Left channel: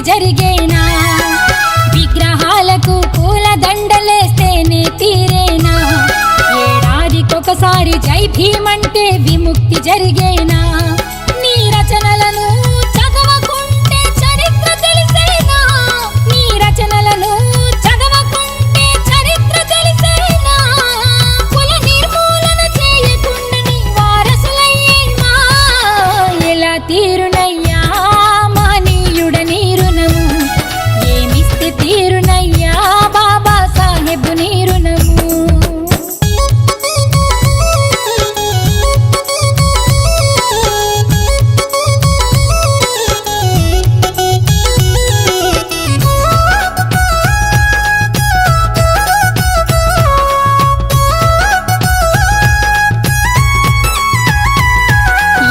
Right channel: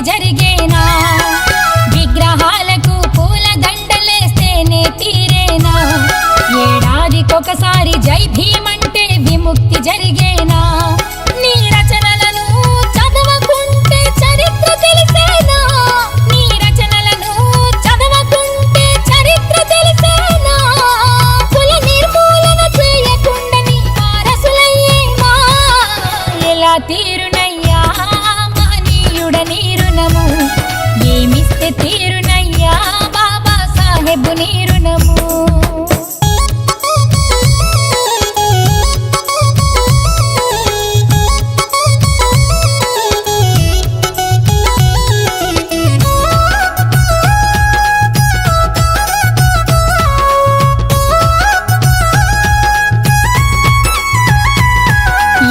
విముక్తి జరిగేనా? విగ్రహాలకు పూల దండలేస్తేనే తీరేనా? ఏడాదికొకసారి జై భీమ్ అంటే విముక్తి జరిగేనా? నీ రచనలను చదవకుంటే చరిత్ర తెలిసేనా? నీ రచనలను చదవకుంటే చరిత్ర తెలిసేనా? కుల నిర్మూలన చేయకుండా నీ వారసులయ్యేమా? ఎలా తీరునయ్యా మహనీయుడ నీ రుణము? ఏమిస్తే తీరునయ్యా బాబా సాహెబ్ నీ రుణము?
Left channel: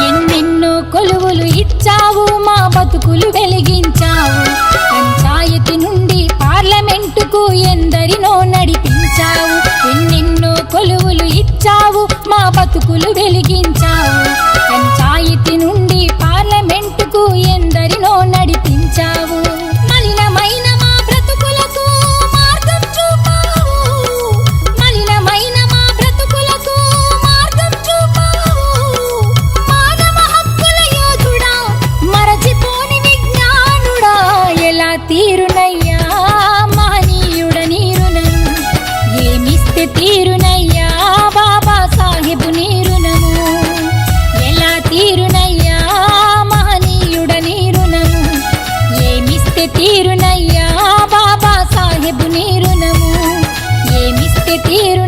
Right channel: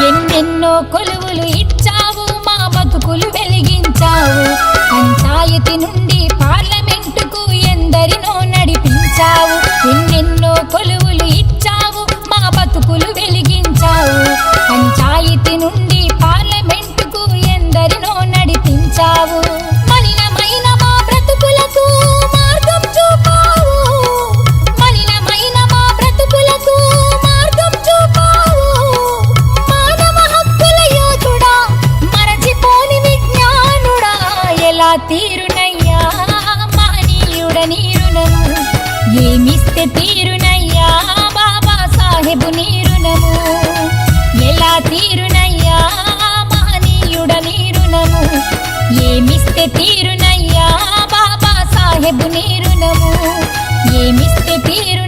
ఎన్నెన్నో కొలువులు ఇచ్చావు, మా బతుకులు వెలిగించావు. పంచాయతీ నుండి పార్లమెంటుకు ఎందరినో నడిపించావు. ఎన్నెన్నో కొలువులు ఇచ్చావు, మా బతుకులు వెలిగించావు. పంచాయతీ నుండి పార్లమెంటుకు ఎందరినో నడిపించావు. మలినమైన మా బ్రతుకులకు మార్గం చూపావు. మలినమైన మా బ్రతుకులకు మార్గం చూపావు. మానవ హక్కుల యోధుడా, మరచిపోని విజ్ఞానుడా, ఎలా తీరునయ్యా మహనీయుడ నీ రుణము? ఏమిస్తే తీరునయ్యా బాబా సాహెబ్ నీ రుణము? ఎలా తీరునయ్యా మహనీయుడ నీ రుణము? ఏమిస్తే తీరునయ్యా బాబా సాహెబ్ నీ రుణము? ఏమిస్తే తీరు